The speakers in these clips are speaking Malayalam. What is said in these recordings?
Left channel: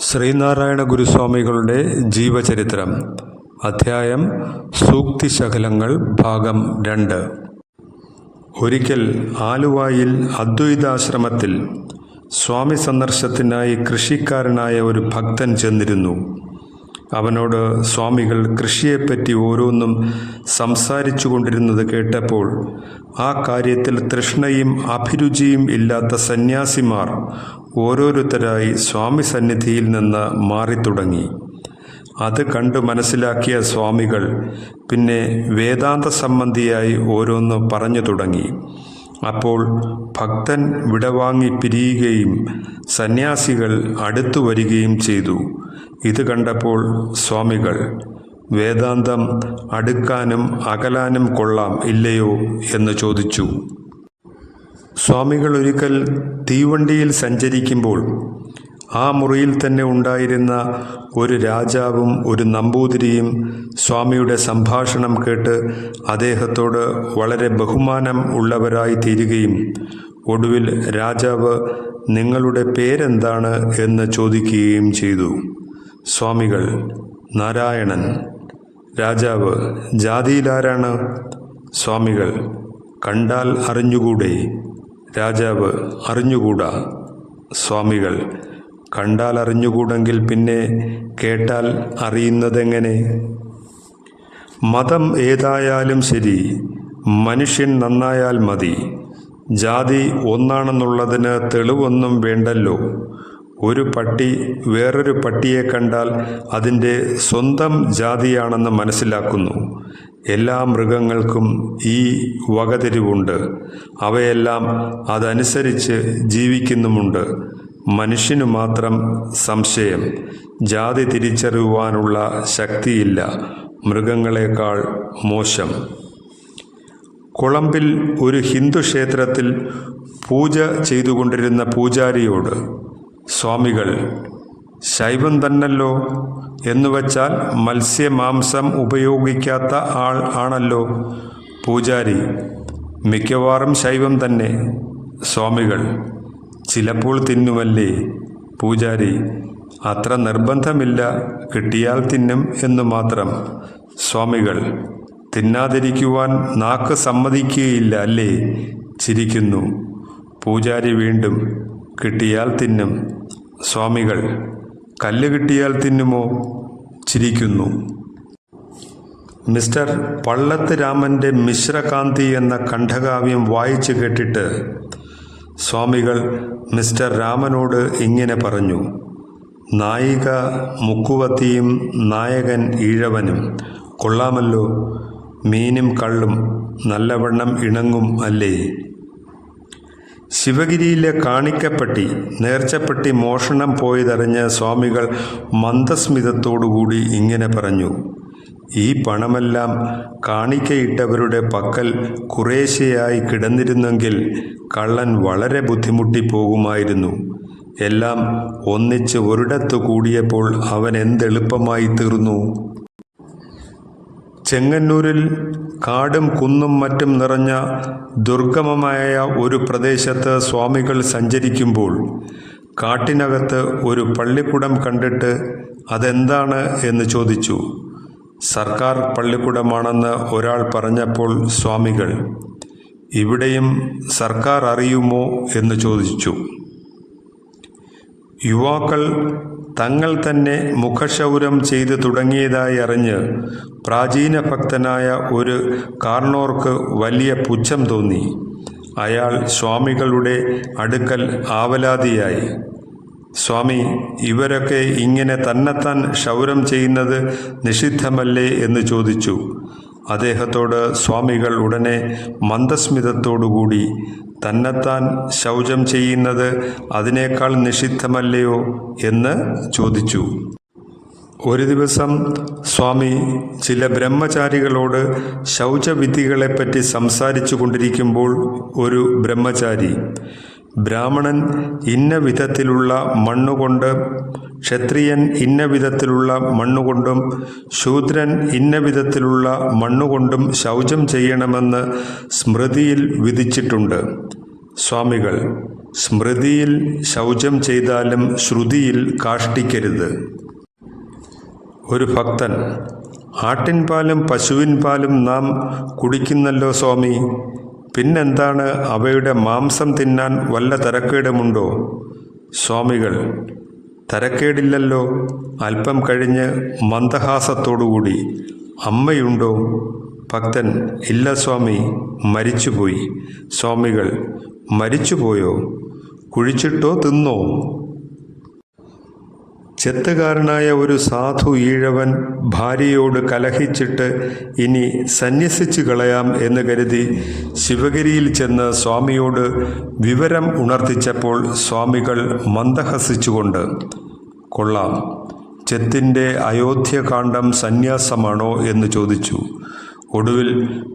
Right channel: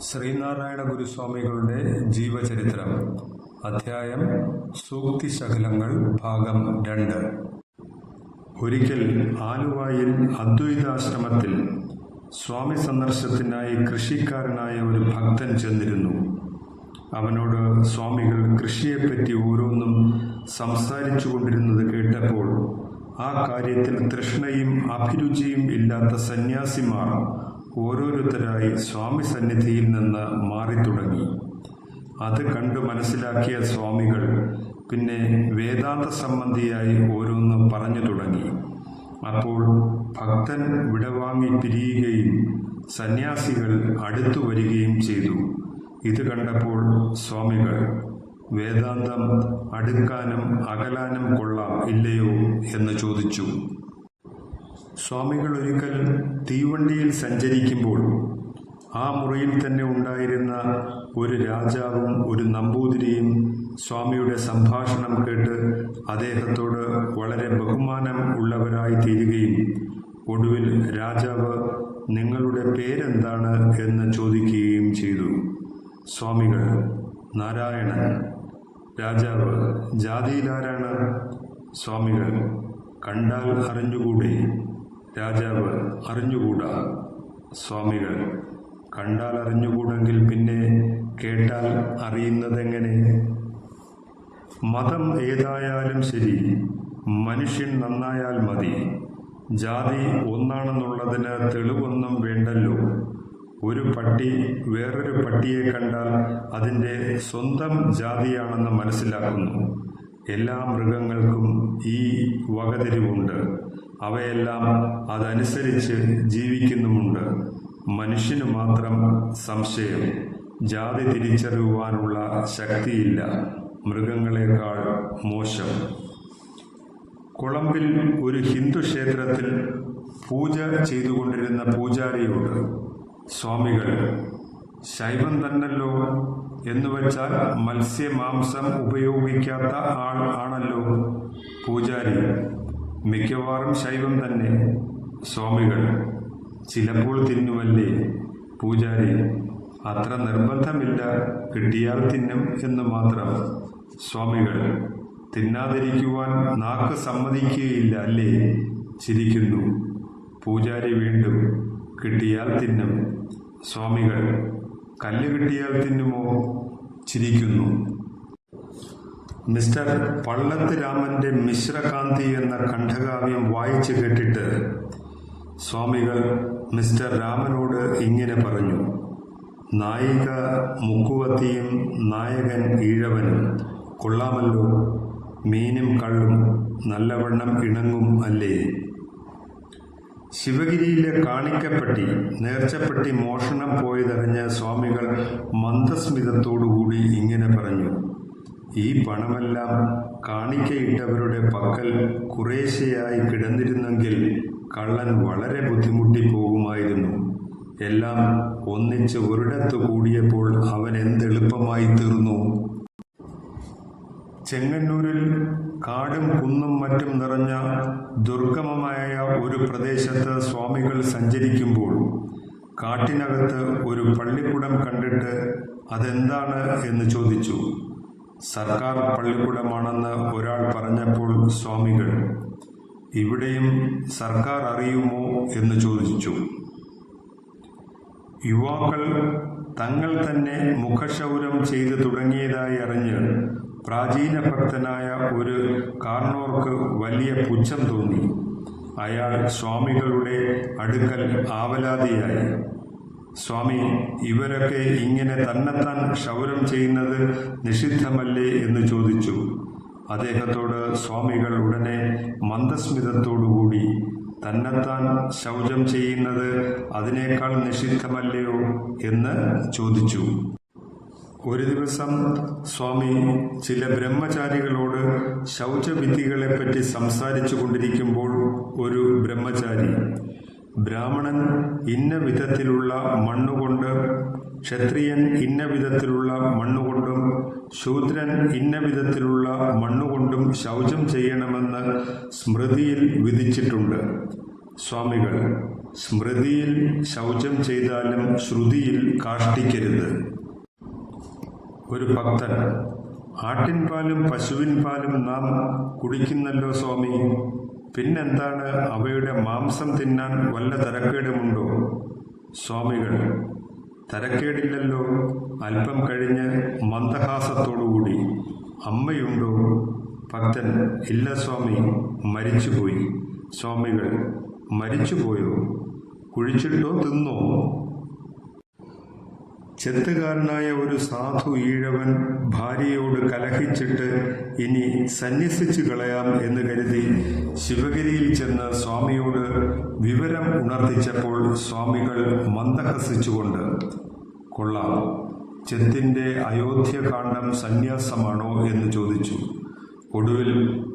ശ്രീനാരായണ ഗുരുസ്വാമികളുടെ ജീവചരിത്രം അധ്യായം സൂക്തിശകലങ്ങൾ ഭാഗം രണ്ട്. ഒരിക്കൽ ആലുവായിൽ അദ്വൈതാശ്രമത്തിൽ സ്വാമി സന്ദർശത്തിനായി കൃഷിക്കാരനായ ഒരു ഭക്തൻ ചെന്നിരുന്നു. അവനോട് സ്വാമികൾ കൃഷിയെപ്പറ്റി ഓരോന്നും സംസാരിച്ചു കൊണ്ടിരുന്നത് കേട്ടപ്പോൾ ആ കാര്യത്തിൽ തൃഷ്ണയും അഭിരുചിയും ഇല്ലാത്ത സന്യാസിമാർ ഓരോരുത്തരായി സ്വാമി സന്നിധിയിൽ നിന്ന് മാറി തുടങ്ങി അത് കണ്ടു മനസ്സിലാക്കിയ സ്വാമികൾ പിന്നെ വേദാന്ത സംബന്ധിയായി ഓരോന്ന് പറഞ്ഞു തുടങ്ങി. അപ്പോൾ ഭക്തൻ വിടവാങ്ങി പിരിയുകയും സന്യാസികൾ അടുത്തു വരികയും ചെയ്തു. ഇത് കണ്ടപ്പോൾ സ്വാമികൾ വേദാന്തം അടുക്കാനും അകലാനും കൊള്ളാം ഇല്ലയോ? എന്ന് ചോദിച്ചു. സ്വാമികൾ ഒരിക്കൽ തീവണ്ടിയിൽ സഞ്ചരിക്കുമ്പോൾ ആ മുറിയിൽ തന്നെ ഉണ്ടായിരുന്ന ഒരു രാജാവും ഒരു നമ്പൂതിരിയും സ്വാമിയുടെ സംഭാഷണം കേട്ട് അദ്ദേഹത്തോട് വളരെ ബഹുമാനം ഉള്ളവരായി തീരുകയും ഒടുവിൽ രാജാവ് നിങ്ങളുടെ പേരെന്താണ്? എന്ന് ചോദിക്കുകയും ചെയ്തു. സ്വാമികൾ നാരായണൻ. രാജാവ് ജാതിയിലാരാണ്? സ്വാമികൾ കണ്ടാൽ അറിഞ്ഞുകൂടെ. രാജാവ് അറിഞ്ഞുകൂടാ. സ്വാമികൾ കണ്ടാൽ അറിഞ്ഞുകൂടെങ്കിൽ പിന്നെ കേട്ടാൽ അറിയുന്നതെങ്ങനെ? മതം ഏതായാലും ശരി മനുഷ്യൻ നന്നായാൽ മതി. ജാതി ഒന്നാണെന്നുള്ളതിന് തെളിവൊന്നും വേണ്ടല്ലോ. ഒരു പട്ടി വേറൊരു പട്ടിയെ കണ്ടാൽ അതിന്റെ സ്വന്തം ജാതിയാണെന്ന് മനസ്സിലാക്കുന്നു. എല്ലാ മൃഗങ്ങൾക്കും ഈ വകതിരിവുണ്ട്. അവയെല്ലാം അതനുസരിച്ച് ജീവിക്കുന്നുമുണ്ട്. മനുഷ്യനു മാത്രം സംശയം ജാതി തിരിച്ചറിയുവാനുള്ള ശക്തിയില്ല മൃഗങ്ങളെക്കാൾ മോശം. കൊളംബിൽ ഒരു ഹിന്ദു ക്ഷേത്രത്തിൽ പൂജ ചെയ്തുകൊണ്ടിരുന്ന പൂജാരിയോട് സ്വാമികൾ ശൈവം തന്നല്ലോ എന്നുവച്ചാൽ മത്സ്യമാംസം ഉപയോഗിക്കാത്ത ആൾ ആണല്ലോ പൂജാരി. മിക്കവാറും ശൈവം തന്നെ. സ്വാമികൾ ചിലപ്പോൾ തിന്നുമല്ലേ? പൂജാരി അത്ര നിർബന്ധമില്ല. കിട്ടിയാൽ തിന്നും എന്ന് മാത്രം. സ്വാമികൾ തിന്നാതിരിക്കുവാൻ നാക്ക് സമ്മതിക്കുകയില്ല അല്ലേ? ചിരിക്കുന്നു. പൂജാരി വീണ്ടും കിട്ടിയാൽ തിന്നും. സ്വാമികൾ കല്ല് കിട്ടിയാൽ തിന്നുമോ? ചിരിക്കുന്നു. മിസ്റ്റർ പള്ളത്ത് രാമന്റെ മിശ്രകാന്തി എന്ന കണ്ഠകാവ്യം വായിച്ചു കേട്ടിട്ട് സ്വാമികൾ മിസ്റ്റർ രാമനോട് ഇങ്ങനെ പറഞ്ഞു നായിക മുക്കുവത്തിയും നായകൻ ഈഴവനും. കൊള്ളാമല്ലോ മീനും കള്ളും നല്ലവണ്ണം ഇണങ്ങും അല്ലേ? ശിവഗിരിയിലെ കാണിക്കപ്പെട്ടി നേർച്ചപ്പെട്ടി മോഷണം പോയതറിഞ്ഞ സ്വാമികൾ മന്ദസ്മിതത്തോടുകൂടി ഇങ്ങനെ പറഞ്ഞു ഈ പണമെല്ലാം കാണിക്കയിട്ടവരുടെ പക്കൽ കുറേശ്ശെയായി കിടന്നിരുന്നെങ്കിൽ കള്ളൻ വളരെ ബുദ്ധിമുട്ടിപ്പോകുമായിരുന്നു. എല്ലാം ഒന്നിച്ച് ഒരിടത്ത് കൂടിയപ്പോൾ അവൻ എന്തെളുപ്പമായി തീർന്നു. ചെങ്ങന്നൂരിൽ കാടും കുന്നും മറ്റും നിറഞ്ഞ ദുർഗമമായ ഒരു പ്രദേശത്ത് സ്വാമികൾ സഞ്ചരിക്കുമ്പോൾ കാട്ടിനകത്ത് ഒരു പള്ളിക്കുടം കണ്ടിട്ട് അതെന്താണ് എന്ന് ചോദിച്ചു. സർക്കാർ പള്ളിക്കൂടമാണെന്ന് ഒരാൾ പറഞ്ഞപ്പോൾ സ്വാമികൾ ഇവിടെയും സർക്കാർ അറിയുമോ? എന്ന് ചോദിച്ചു. യുവാക്കൾ തങ്ങൾ തന്നെ മുഖക്ഷൗരം ചെയ്തു തുടങ്ങിയതായി അറിഞ്ഞ് പ്രാചീന ഭക്തനായ ഒരു കാർണോർക്ക് വലിയ പുച്ഛം തോന്നി. അയാൾ സ്വാമികളുടെ അടുക്കൽ ആവലാതിയായി. സ്വാമി ഇവരൊക്കെ ഇങ്ങനെ തന്നെത്താൻ ക്ഷൗരം ചെയ്യുന്നത് നിഷിദ്ധമല്ലേ എന്ന് ചോദിച്ചു. അദ്ദേഹത്തോട് സ്വാമികൾ ഉടനെ മന്ദസ്മിതത്തോടുകൂടി തന്നെത്താൻ ശൗചം ചെയ്യുന്നത് അതിനേക്കാൾ നിഷിദ്ധമല്ലയോ? എന്ന് ചോദിച്ചു. ഒരു ദിവസം സ്വാമി ചില ബ്രഹ്മചാരികളോട് ശൗചവിധികളെപ്പറ്റി സംസാരിച്ചു കൊണ്ടിരിക്കുമ്പോൾ ഒരു ബ്രഹ്മചാരി ബ്രാഹ്മണൻ ഇന്ന വിധത്തിലുള്ള മണ്ണുകൊണ്ട് ക്ഷത്രിയൻ ഇന്ന വിധത്തിലുള്ള മണ്ണുകൊണ്ടും ശൂദ്രൻ ഇന്ന വിധത്തിലുള്ള മണ്ണുകൊണ്ടും ശൗചം ചെയ്യണമെന്ന് സ്മൃതിയിൽ വിധിച്ചിട്ടുണ്ട്. സ്വാമികൾ സ്മൃതിയിൽ ശൗചം ചെയ്താലും ശ്രുതിയിൽ കാഷ്ടിക്കരുത്. ഒരു ഭക്തൻ ആട്ടിൻപാലും പശുവിൻ പാലും നാം കുടിക്കുന്നല്ലോ സ്വാമി പിന്നെന്താണ് അവയുടെ മാംസം തിന്നാൻ വല്ല തരക്കേടുമുണ്ടോ? സ്വാമികൾ തരക്കേടില്ലല്ലോ. അല്പം കഴിഞ്ഞ് മന്ദഹാസത്തോടുകൂടി അമ്മയുണ്ടോ? ഭക്തൻ ഇല്ല സ്വാമി മരിച്ചുപോയി. സ്വാമികൾ മരിച്ചുപോയോ? കുഴിച്ചിട്ടോ തിന്നോ? ചെത്തുകാരനായ ഒരു സാധു ഈഴവൻ ഭാര്യയോട് കലഹിച്ചിട്ട് ഇനി സന്യസിച്ചു കളയാം എന്ന് കരുതി ശിവഗിരിയിൽ ചെന്ന് സ്വാമിയോട് വിവരം ഉണർത്തിച്ചപ്പോൾ സ്വാമികൾ മന്ദഹസിച്ചുകൊണ്ട് കൊള്ളാം ചെത്തിന്റെ അയോധ്യകാന്ഡം സന്യാസമാണോ? എന്ന് ചോദിച്ചു. ഒടുവിൽ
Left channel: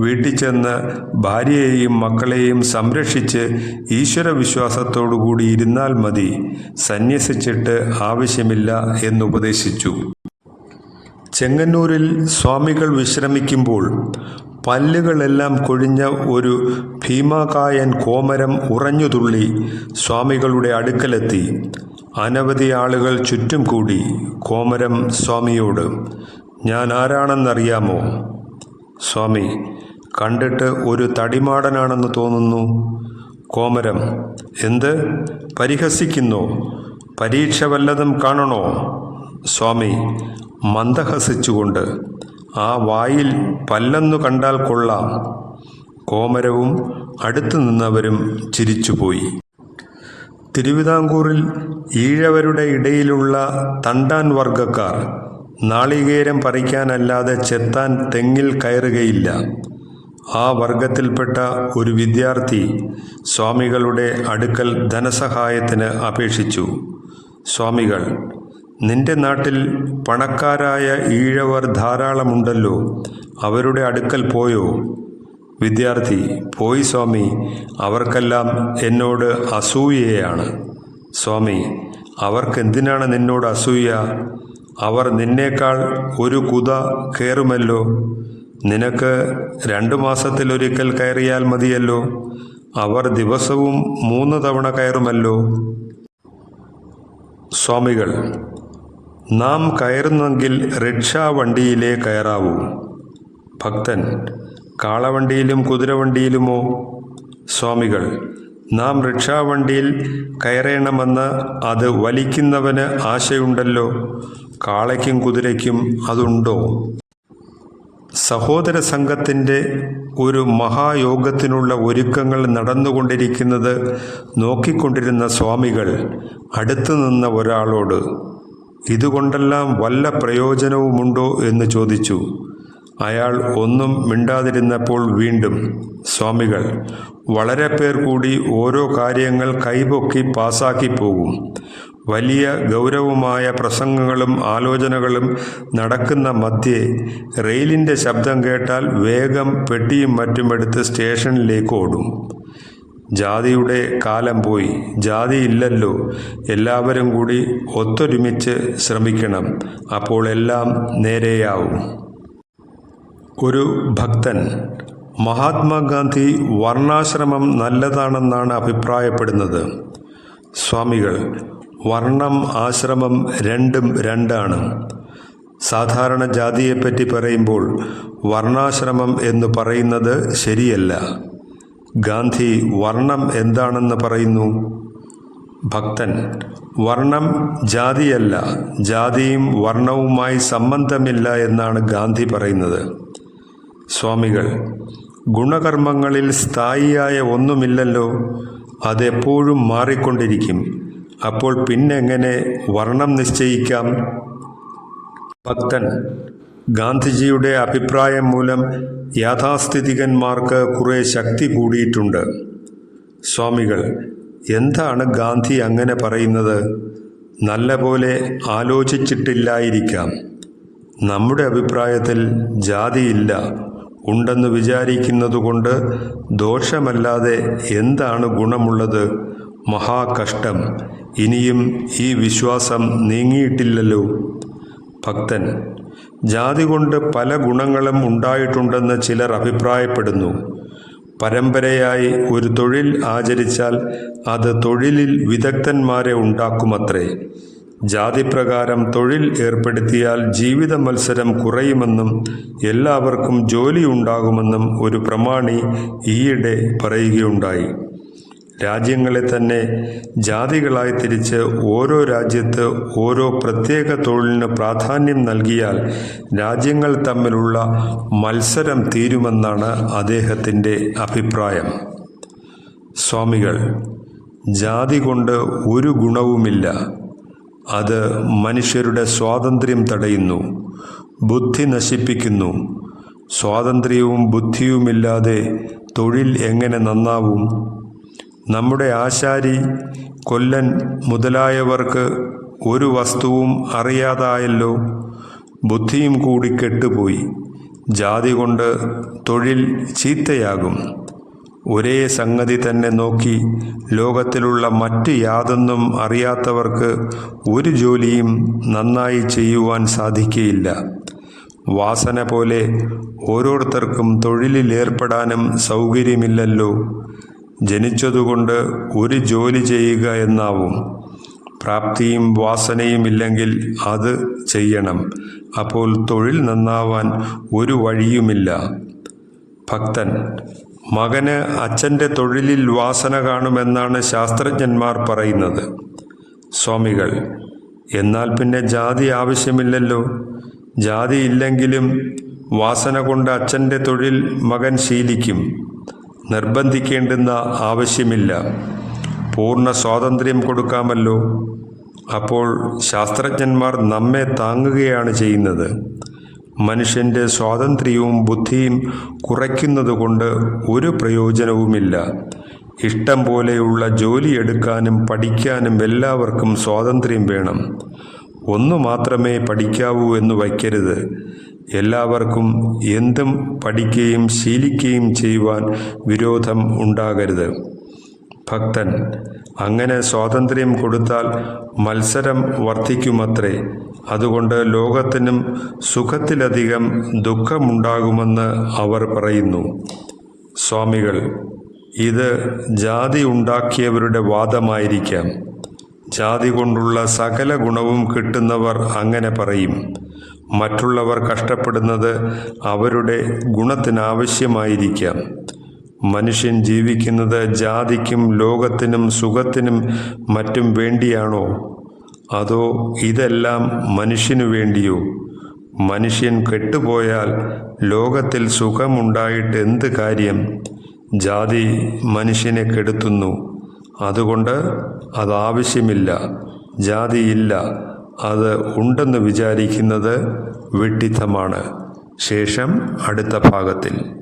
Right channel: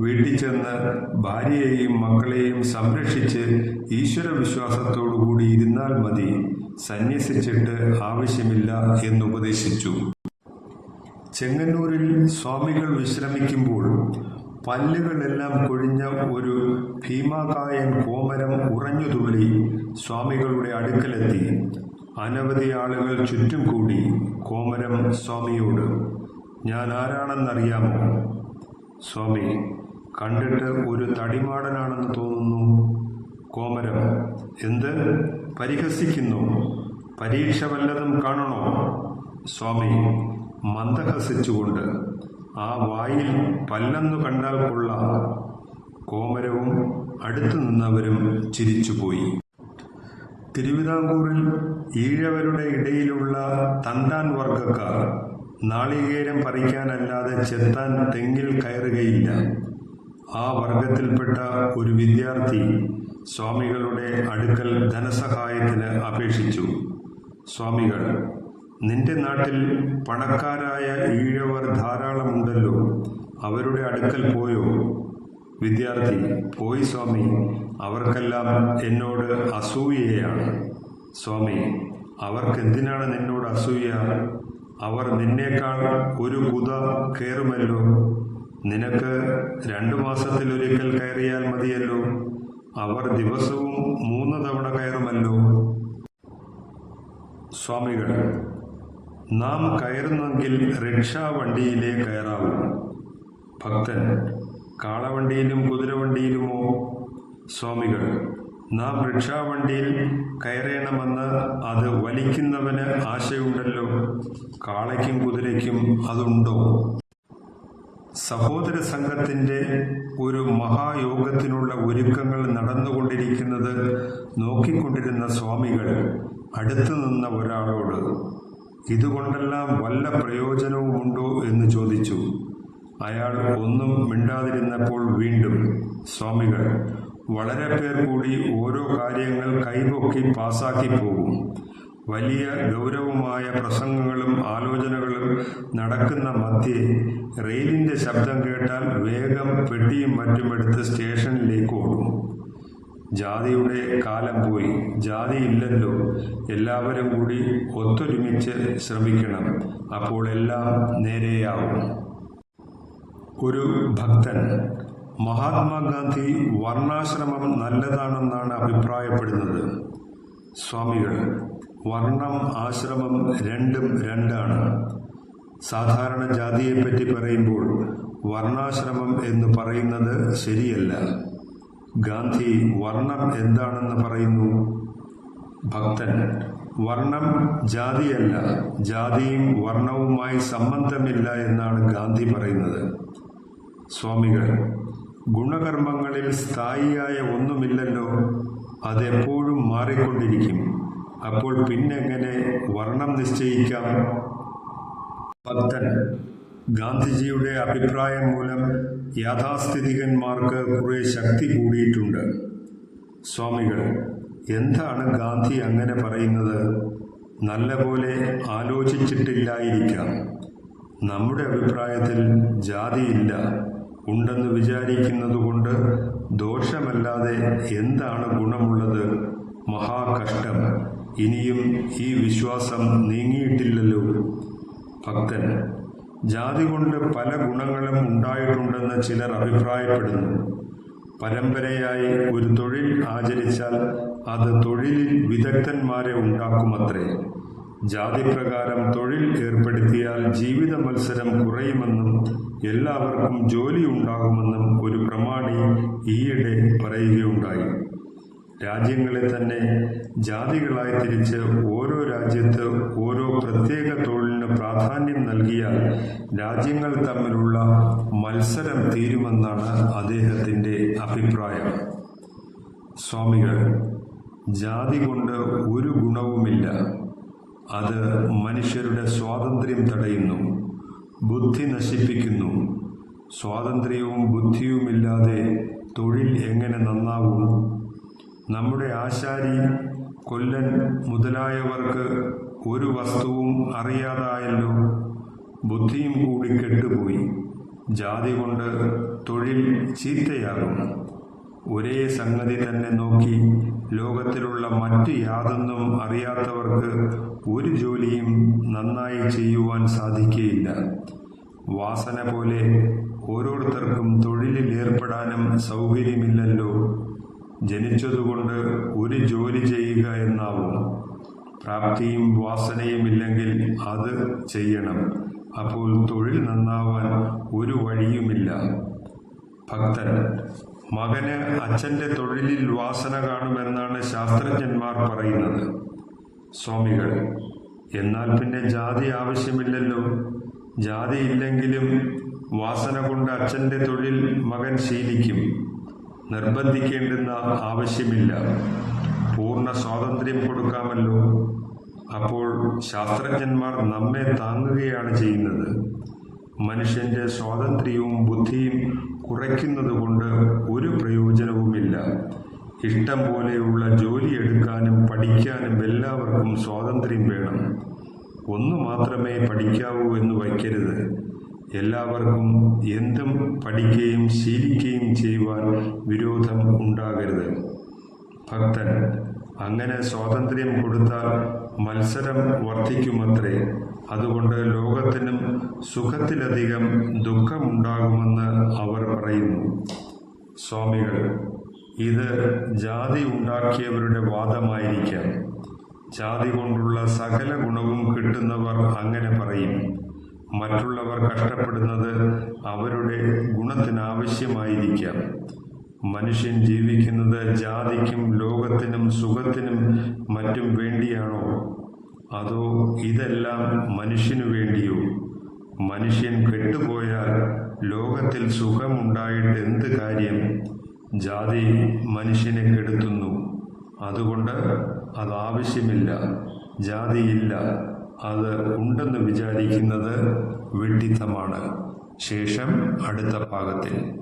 വീട്ടിൽ ചെന്ന് ഭാര്യയെയും മക്കളെയും സംരക്ഷിച്ച് ഈശ്വരവിശ്വാസത്തോടുകൂടി ഇരുന്നാൽ മതി. സന്യസിച്ചിട്ട് ആവശ്യമില്ല എന്നുപദേശിച്ചു ചെങ്ങന്നൂരിൽ സ്വാമികൾ വിശ്രമിക്കുമ്പോൾ പല്ലുകളെല്ലാം കൊഴിഞ്ഞ ഒരു ഭീമാകായൻ കോമരം ഉറഞ്ഞുതുള്ളി സ്വാമികളുടെ അടുക്കലെത്തി. അനവധി ആളുകൾ ചുറ്റും കൂടി കോമരം സ്വാമിയോട് ഞാൻ ആരാണെന്നറിയാമോ? സ്വാമി കണ്ടിട്ട് ഒരു തടിമാടനാണെന്ന് തോന്നുന്നു. കോമരം എന്ത്? പരിഹസിക്കുന്നു? പരീക്ഷ വല്ലതും കാണണോ? സ്വാമി മന്ദഹസിച്ചുകൊണ്ട് ആ വായിൽ പല്ലെന്നു കണ്ടാൽ കൊള്ളാം. കോമരവും അടുത്തു നിന്നവരും ചിരിച്ചുപോയി. തിരുവിതാംകൂറിൽ ഈഴവരുടെ ഇടയിലുള്ള തണ്ടാൻ വർഗക്കാർ നാളികേരം പറിക്കാനല്ലാതെ ചെത്താൻ തെങ്ങിൽ കയറുകയില്ല. ആ വർഗത്തിൽപ്പെട്ട ഒരു വിദ്യാർത്ഥി സ്വാമികളുടെ അടുക്കൽ ധനസഹായത്തിന് അപേക്ഷിച്ചു. സ്വാമികൾ നിന്റെ നാട്ടിൽ പണക്കാരായ ഈഴവർ ധാരാളമുണ്ടല്ലോ. അവരുടെ അടുക്കൽ പോയോ? വിദ്യാർത്ഥി പോയി സ്വാമി. അവർക്കെല്ലാം എന്നോട് അസൂയയാണ്. സ്വാമി അവർക്കെന്തിനാണ് നിന്നോട് അസൂയ? അവർ നിന്നേക്കാൾ ഒരു കുത കയറുമല്ലോ നിനക്ക് രണ്ടു മാസത്തിലൊരിക്കൽ കയറിയാൽ മതിയല്ലോ. അവർ ദിവസവും മൂന്ന് തവണ കയറുമല്ലോ. സ്വാമികൾ നാം കയറുന്നെങ്കിൽ റിക്ഷാ വണ്ടിയിലേ കയറാവൂ. ഭക്തൻ കാളവണ്ടിയിലും കുതിരവണ്ടിയിലുമോ? സ്വാമികൾ നാം റിക്ഷാവണ്ടിയിൽ കയറണമെന്ന് അത് വലിക്കുന്നവന് ആശയുണ്ടല്ലോ. കാളയ്ക്കും കുതിരയ്ക്കും അതുണ്ടോ? സഹോദര സംഘത്തിന്റെ ഒരു മഹായോഗത്തിനുള്ള ഒരുക്കങ്ങൾ നടന്നുകൊണ്ടിരിക്കുന്നത് നോക്കിക്കൊണ്ടിരുന്ന സ്വാമികൾ അടുത്തു നിന്ന ഒരാളോട് ഇതുകൊണ്ടെല്ലാം വല്ല പ്രയോജനവുമുണ്ടോ? എന്ന് ചോദിച്ചു. അയാൾ ഒന്നും മിണ്ടാതിരുന്നപ്പോൾ വീണ്ടും സ്വാമികൾ വളരെ പേർ കൂടി ഓരോ കാര്യങ്ങൾ കൈപൊക്കി പാസാക്കി പോകും. വലിയ ഗൗരവമായ പ്രസംഗങ്ങളും ആലോചനകളും നടക്കുന്ന മധ്യേ റെയിലിന്റെ ശബ്ദം കേട്ടാൽ വേഗം പെട്ടിയും മറ്റുമെടുത്ത് സ്റ്റേഷനിലേക്ക് ഓടും. ജാതിയുടെ കാലം പോയി. ജാതി ഇല്ലല്ലോ എല്ലാവരും കൂടി ഒത്തൊരുമിച്ച് ശ്രമിക്കണം. അപ്പോൾ എല്ലാം നേരെയാവും. ഒരു ഭക്തൻ മഹാത്മാഗാന്ധി വർണാശ്രമം നല്ലതാണെന്നാണ് അഭിപ്രായപ്പെടുന്നത്. സ്വാമികൾ വർണം ആശ്രമം രണ്ടും രണ്ടാണ്. സാധാരണ ജാതിയെപ്പറ്റി പറയുമ്പോൾ വർണാശ്രമം എന്ന് പറയുന്നത് ശരിയല്ല. ഗാന്ധി വർണം എന്താണെന്ന് പറയുന്നു? ഭക്തൻ വർണം ജാതിയല്ല. ജാതിയും വർണവുമായി സംബന്ധമില്ല എന്നാണ് ഗാന്ധി പറയുന്നത്. സ്വാമികൾ ഗുണകർമ്മങ്ങളിൽ സ്ഥായിയായ ഒന്നുമില്ലല്ലോ അതെപ്പോഴും മാറിക്കൊണ്ടിരിക്കും. അപ്പോൾ പിന്നെങ്ങനെ വർണം നിശ്ചയിക്കാം? ഭക്തൻ ഗാന്ധിജിയുടെ അഭിപ്രായം മൂലം യാഥാസ്ഥിതികന്മാർക്ക് കുറേ ശക്തി കൂടിയിട്ടുണ്ട്. സ്വാമികൾ എന്താണ് ഗാന്ധി അങ്ങനെ പറയുന്നത്? നല്ല പോലെ ആലോചിച്ചിട്ടില്ലായിരിക്കാം. നമ്മുടെ അഭിപ്രായത്തിൽ ജാതിയില്ല. ഉണ്ടെന്ന് വിചാരിക്കുന്നതുകൊണ്ട് ദോഷമല്ലാതെ എന്താണ് ഗുണമുള്ളത്? മഹാകഷ്ടം. ഇനിയും ഈ വിശ്വാസം നീങ്ങിയിട്ടില്ലല്ലോ. ഭക്തൻ ജാതി കൊണ്ട് പല ഗുണങ്ങളും ഉണ്ടായിട്ടുണ്ടെന്ന് ചിലർ അഭിപ്രായപ്പെടുന്നു. പരമ്പരയായി ഒരു തൊഴിൽ ആചരിച്ചാൽ അത് തൊഴിലിൽ വിദഗ്ധന്മാരെ ഉണ്ടാക്കുമത്രേ. ജാതിപ്രകാരം തൊഴിൽ ഏർപ്പെടുത്തിയാൽ ജീവിത മത്സരം കുറയുമെന്നും എല്ലാവർക്കും ജോലി ഉണ്ടാകുമെന്നും ഒരു പ്രമാണി ഈയിടെ പറയുകയുണ്ടായി. രാജ്യങ്ങളെ തന്നെ ജാതികളായി തിരിച്ച് ഓരോ രാജ്യത്ത് ഓരോ പ്രത്യേക തൊഴിലിന് പ്രാധാന്യം നൽകിയാൽ രാജ്യങ്ങൾ തമ്മിലുള്ള മത്സരം തീരുമെന്നാണ് അദ്ദേഹത്തിന്റെ അഭിപ്രായം. സ്വാമികൾ ജാതി കൊണ്ട് ഒരു ഗുണവുമില്ല. അത് മനുഷ്യരുടെ സ്വാതന്ത്ര്യം തടയുന്നു ബുദ്ധി നശിപ്പിക്കുന്നു. സ്വാതന്ത്ര്യവും ബുദ്ധിയുമില്ലാതെ തൊഴിൽ എങ്ങനെ നന്നാവും? നമ്മുടെ ആശാരി കൊല്ലൻ മുതലായവർക്ക് ഒരു വസ്തുവും അറിയാതായല്ലോ. ബുദ്ധിയും കൂടി കെട്ടുപോയി. ജാതി കൊണ്ട് തൊഴിൽ ചീത്തയാകും. ഒരേ സംഗതി തന്നെ നോക്കി ലോകത്തിലുള്ള മറ്റ് യാതൊന്നും അറിയാത്തവർക്ക് ഒരു ജോലിയും നന്നായി ചെയ്യുവാൻ സാധിക്കുകയില്ല വാസന പോലെ ഓരോരുത്തർക്കും തൊഴിലിലേർപ്പെടാനും സൗകര്യമില്ലല്ലോ. ജനിച്ചതുകൊണ്ട് ഒരു ജോലി ചെയ്യുക എന്നാവും. പ്രാപ്തിയും വാസനയും ഇല്ലെങ്കിൽ അത് ചെയ്യണം. അപ്പോൾ തൊഴിൽ നന്നാവാൻ ഒരു വഴിയുമില്ല. ഭക്തൻ മകന് അച്ഛന്റെ തൊഴിലിൽ വാസന കാണുമെന്നാണ് ശാസ്ത്രജ്ഞന്മാർ പറയുന്നത്. സ്വാമികൾ എന്നാൽ പിന്നെ ജാതി ആവശ്യമില്ലല്ലോ. ജാതി ഇല്ലെങ്കിലും വാസന കൊണ്ട് അച്ഛന്റെ തൊഴിൽ മകൻ ശീലിക്കും. നിർബന്ധിക്കേണ്ടുന്ന ആവശ്യമില്ല. പൂർണ സ്വാതന്ത്ര്യം കൊടുക്കാമല്ലോ. അപ്പോൾ ശാസ്ത്രജ്ഞന്മാർ നമ്മെ താങ്ങുകയാണ് ചെയ്യുന്നത്. മനുഷ്യന്റെ സ്വാതന്ത്ര്യവും ബുദ്ധിയും കുറയ്ക്കുന്നതുകൊണ്ട് ഒരു പ്രയോജനവുമില്ല. ഇഷ്ടം പോലെയുള്ള ജോലി എടുക്കാനും പഠിക്കാനും എല്ലാവർക്കും സ്വാതന്ത്ര്യം വേണം. ഒന്നു മാത്രമേ പഠിക്കാവൂ എന്ന് വയ്ക്കരുത്. എല്ലാവർക്കും എന്തും പഠിക്കുകയും ശീലിക്കുകയും ചെയ്യുവാൻ വിരോധം ഉണ്ടാകരുത്. ഭക്തൻ അങ്ങനെ സ്വാതന്ത്ര്യം കൊടുത്താൽ മത്സരം വർദ്ധിക്കുമത്രേ അതുകൊണ്ട് ലോകത്തിനും സുഖത്തിലധികം ദുഃഖമുണ്ടാകുമെന്ന് അവർ പറയുന്നു. സ്വാമികൾ ഇത് ജാതി ഉണ്ടാക്കിയവരുടെ വാദമായിരിക്കാം. ജാതി കൊണ്ടുള്ള സകല ഗുണവും കിട്ടുന്നവർ അങ്ങനെ പറയും. മറ്റുള്ളവർ കഷ്ടപ്പെടുന്നത് അവരുടെ ഗുണത്തിനാവശ്യമായിരിക്കാം. മനുഷ്യൻ ജീവിക്കുന്നത് ജാതിക്കും ലോകത്തിനും സുഖത്തിനും മറ്റും വേണ്ടിയാണോ? അതോ ഇതെല്ലാം മനുഷ്യനു വേണ്ടിയോ? മനുഷ്യൻ കെട്ടുപോയാൽ ലോകത്തിൽ സുഖമുണ്ടായിട്ട് എന്ത് കാര്യം? ജാതി മനുഷ്യനെ കെടുത്തുന്നു. അതുകൊണ്ട് അതാവശ്യമില്ല. ജാതിയില്ല അത് ഉണ്ടെന്ന് വിചാരിക്കുന്നത് വിഡ്ഢിത്തമാണ്. ശേഷം അടുത്ത ഭാഗത്തിൽ.